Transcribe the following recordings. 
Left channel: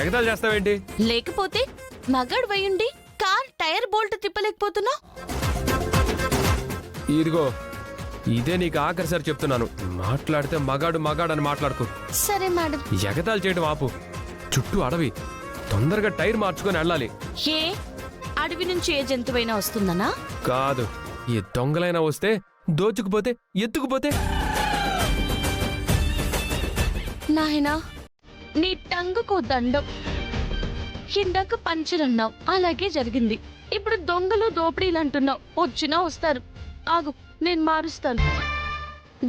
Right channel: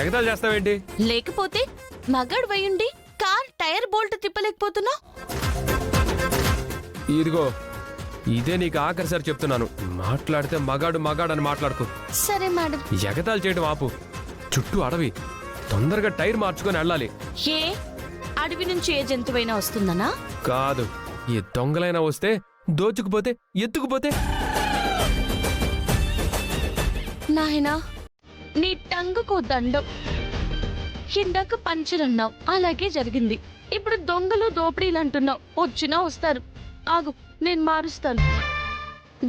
ఎగతాలు చేస్తావేంటి? లేకపోతే మగాడు వయ్యుండి car tyre bolt తిప్పలేకపోతున్నా. ఇదిగో ఇదే నీకు ఆఖరిసారి చెప్తున్నాను, మాట్లాడితే మగాడు మగాడు అని మాట్లాడుకో. సరే మేడం. ఎగతాలు చేయడం ఆపు. చుట్టూ అడవి, తొందరగా టైర్ మార్చుకొని వెళ్ళాలి. ఏ అడవి నుంచి ఏ జంతువైనా వస్తుందనా? కాదు, ఏ దొంగలైనా వస్తే దోచుకుపోతే ఎత్తుకుపోతే. నాయనా నీ టంగుకు దండం. ఇందాక పంచరన్నావు, అలాగే జరిగింది. ఇప్పుడు దొంగలు దోపిడీలు అంటున్నావు. వచ్చినా వస్తారు. ఆగు, నేను మారుస్తాను.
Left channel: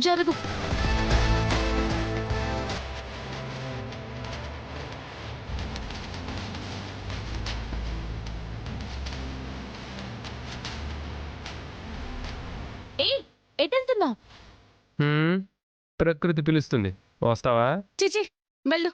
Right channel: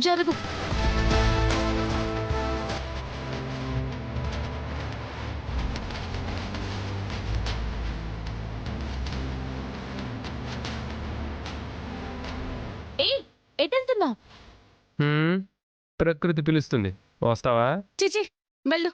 జరుగు. ఏయ్, ఎటెళ్తున్నావు? ప్రకృతి పిలుస్తుంది, వస్తావా? చిచి, వెళ్ళు.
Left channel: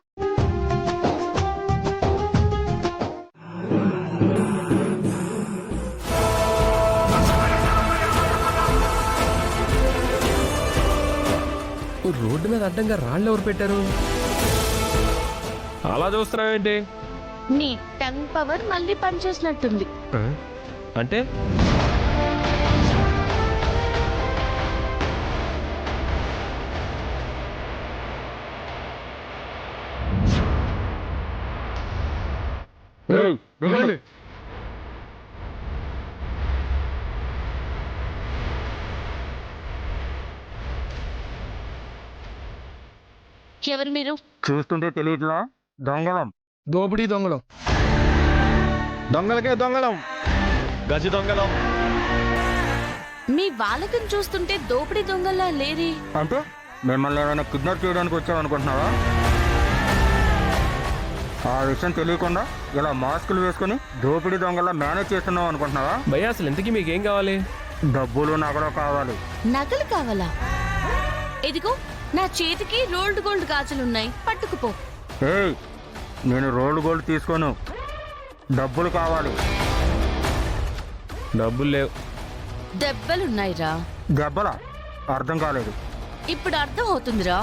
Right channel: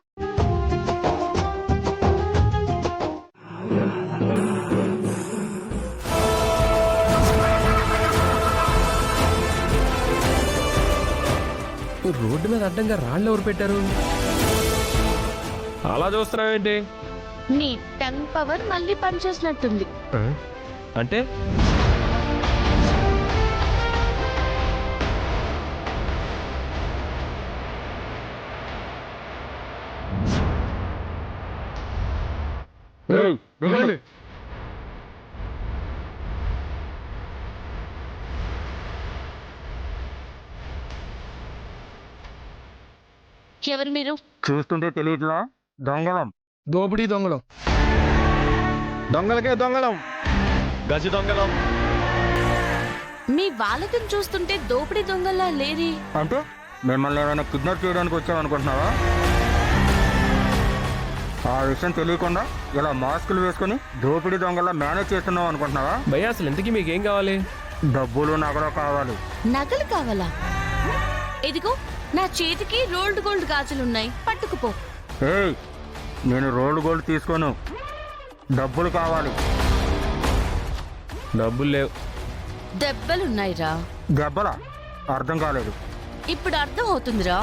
రోడ్డు మీద అడ్డంగా రాళ్ళు ఎవరు పెట్టారు? అలా చూస్తున్నావేంటి? నీ టంగ్ పవర్ మళ్ళీ పనిచేసినట్టుంది. అంటే ఎవరు మీరు? చూస్తుంటే తెలియట్లా? దొంగలం, దోపిడీ దొంగలం, దొంగలకే దొంగలం, గజ దొంగలం. మీ వాళ్ళకని చూస్తుంటే దోపిడీ దొంగల్లా లేరి. అంటే మిమ్మల్ని ఏమైనా కిడ్నాప్ చేయడానికి వచ్చామనుకుంటున్నావా? ఆ విషయం తెలియకుండా ఇలా మాస్కులు వేసుకుని దోపిడీ దొంగల్లా మేనేజ్ చేస్తున్నావు అనుకుంటున్నావా? భయ్యా, అసలు ఇంతకీ మీకేం కావాలి? డబ్బులు నగలు కావాలి. నగలు కావాలా? ఇదిగో నా చేతికి రోల్డ్ గోల్డ్ గాజులున్నాయి, పట్టుకుపో. ఏయ్, నేను రోల్డ్ గోల్డ్ తీసుకోను, డబ్బులు కావాలి. డబ్బులు లేవు. దెబ్బలున్నాయిరా. దెబ్బలా? అర్థం కాలేదు. ఇప్పుడు అర్థం అవుతుందిరా.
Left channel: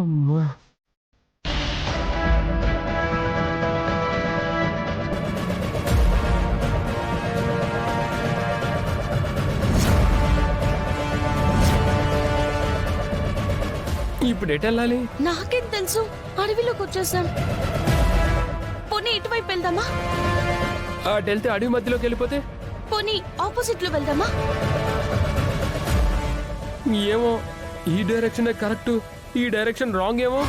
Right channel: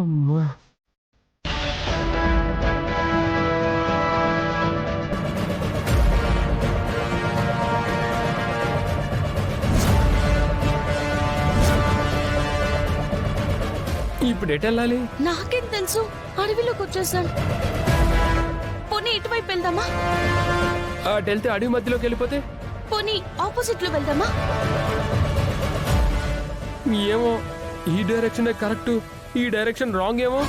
అమ్మా. ఇప్పుడు ఎటు వెళ్ళాలి? నాకేం తెలుసు, అడవిలోకి వచ్చేసాను. పోనీ ఇటువైపు వెళ్దామా? అటు వెళ్తే అడవి మధ్యలోకి వెళ్ళిపోతే? పోనీ ఆపోజిట్ లో వెళ్దామా? ఏమో, ఈ డైరెక్షన్ కరెక్ట్, ఈ డైరెక్షన్ రాంగ్ ఏమో.